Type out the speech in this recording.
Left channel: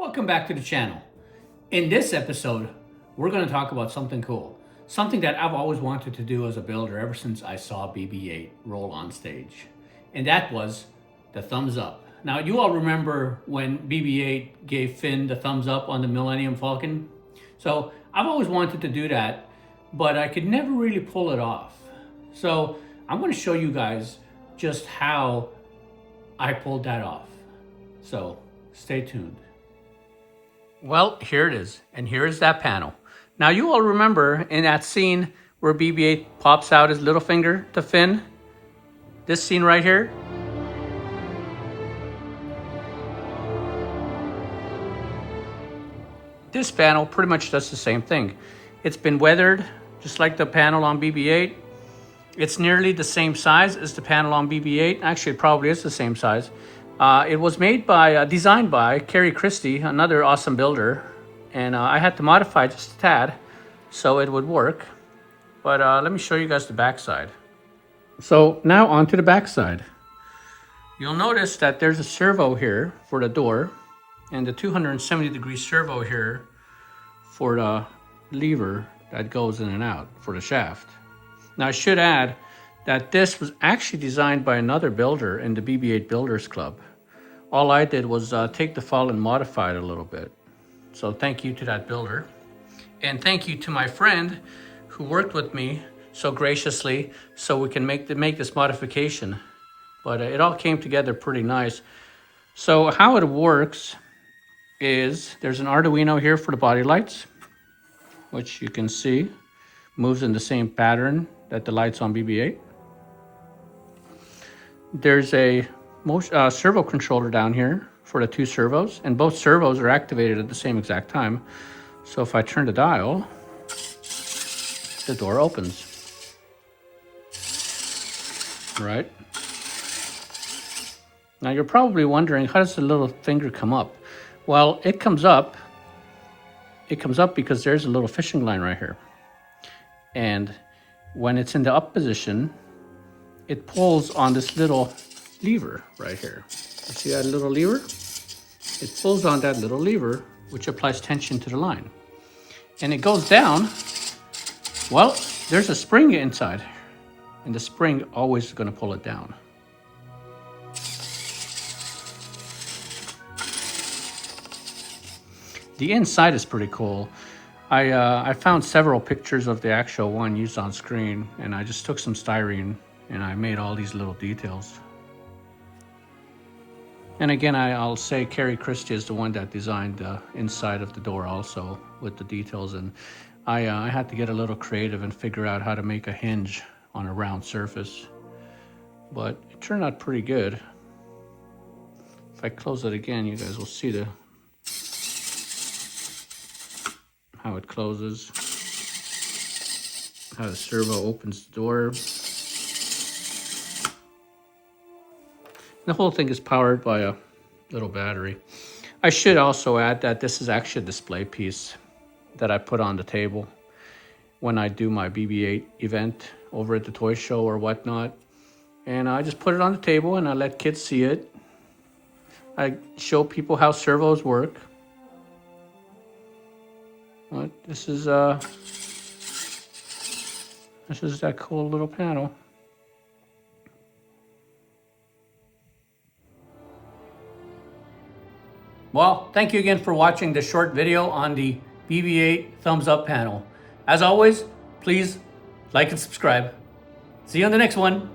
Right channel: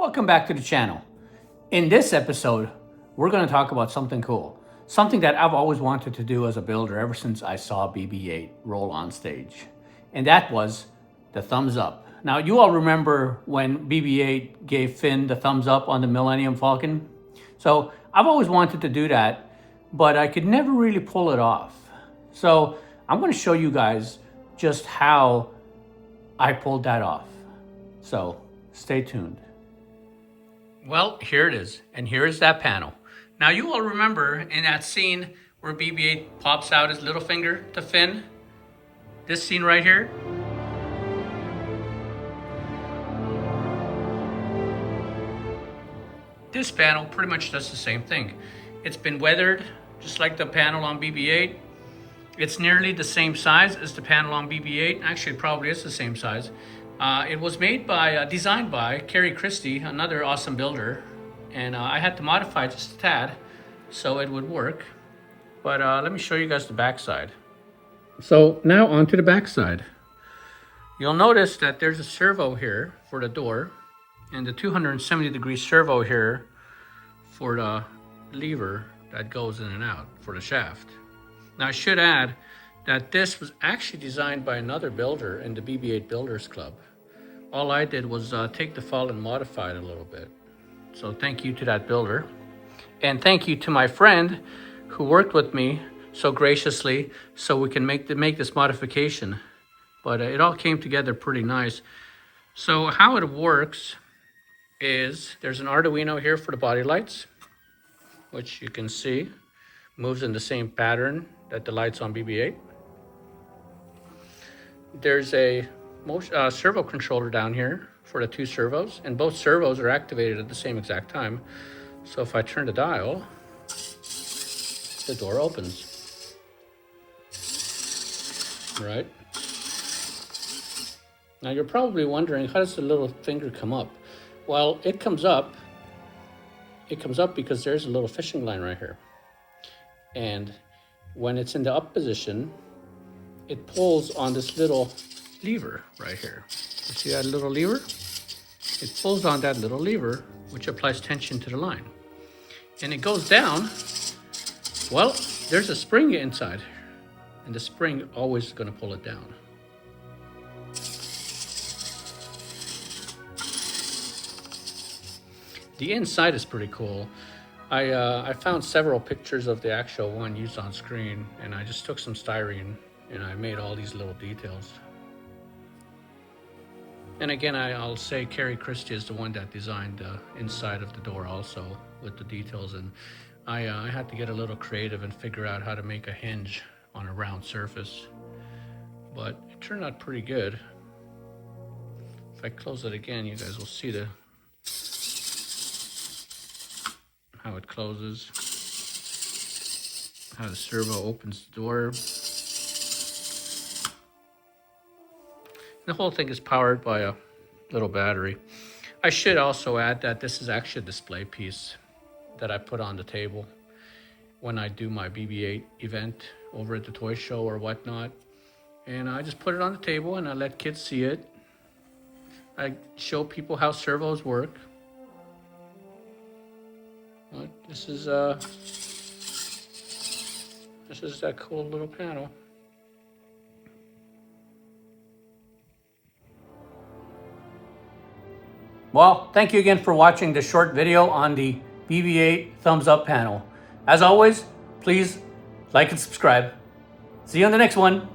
Welcome back to the channel. In this episode, we're going to talk about something cool. Something that I've always wanted to do as a builder ever since I saw BB-8 roll on stage. And that was the thumbs up. Now, you all remember when BB-8 gave Finn the thumbs up on the Millennium Falcon? So I've always wanted to do that, but I could never really pull it off. So I'm going to show you guys just how I pulled that off. So stay tuned. Well, here it is, and here is that panel. Now, you all remember in that scene where BB-8 pops out his little finger to Finn? This scene right here? This panel pretty much does the same thing. It's been weathered, just like the panel on BB-8. It's nearly the same size as the panel on BB-8. Actually, it probably is the same size. It was made by, designed by Kerry Christie, another awesome builder, and I had to modify it just a tad so it would work. But let me show you guys the backside. So now onto the backside. You'll notice that there's a servo here for the door, and the 270-degree servo here for the lever that goes in and out for the shaft. Now I should add that this was actually designed by another builder in the BB-8 Builders Club. All I did was take the file and modify it a little bit. So thank you to that builder. And thank you to my friend who worked with me so graciously so we can make this modification. But it all came together pretty nice. So how it works is there's an Arduino here for the body lights, which you can see moves in the same pattern that the lights on BB-8. There's a servo controller down here for the two servos, and both servos are activated at the same exact time. So if I turn the dial, the door opens. All right. Now you're probably wondering, how does the little finger come up? Well, it comes up because there's a little fishing line right here. And when it's in the up position, it pulls on this little lever right here. You see that little lever? It pulls on that little lever, which applies tension to the line. And it goes down. Well, there's a spring inside, and the spring always is going to pull it down. The inside is pretty cool. I found several pictures of the actual one used on screen, and I just took some styrene and I made all these little details. And again, I'll say Kerry Christie is the one that designed the inside of the door also with the details. And I had to get a little creative and figure out how to make a hinge on a round surface. But it turned out pretty good. If I close it again, you guys will see how it closes, how the servo opens the door. The whole thing is powered by a little battery. I should also add that this is actually a display piece that I put on the table when I do my BB-8 event over at the toy show or whatnot. And I just put it on the table and I let kids see it. I show people how servos work. But this is that cool little panel. Well, thank you again for watching this short video on the BB-8 thumbs up panel. As always, please like and subscribe. See you on the next one.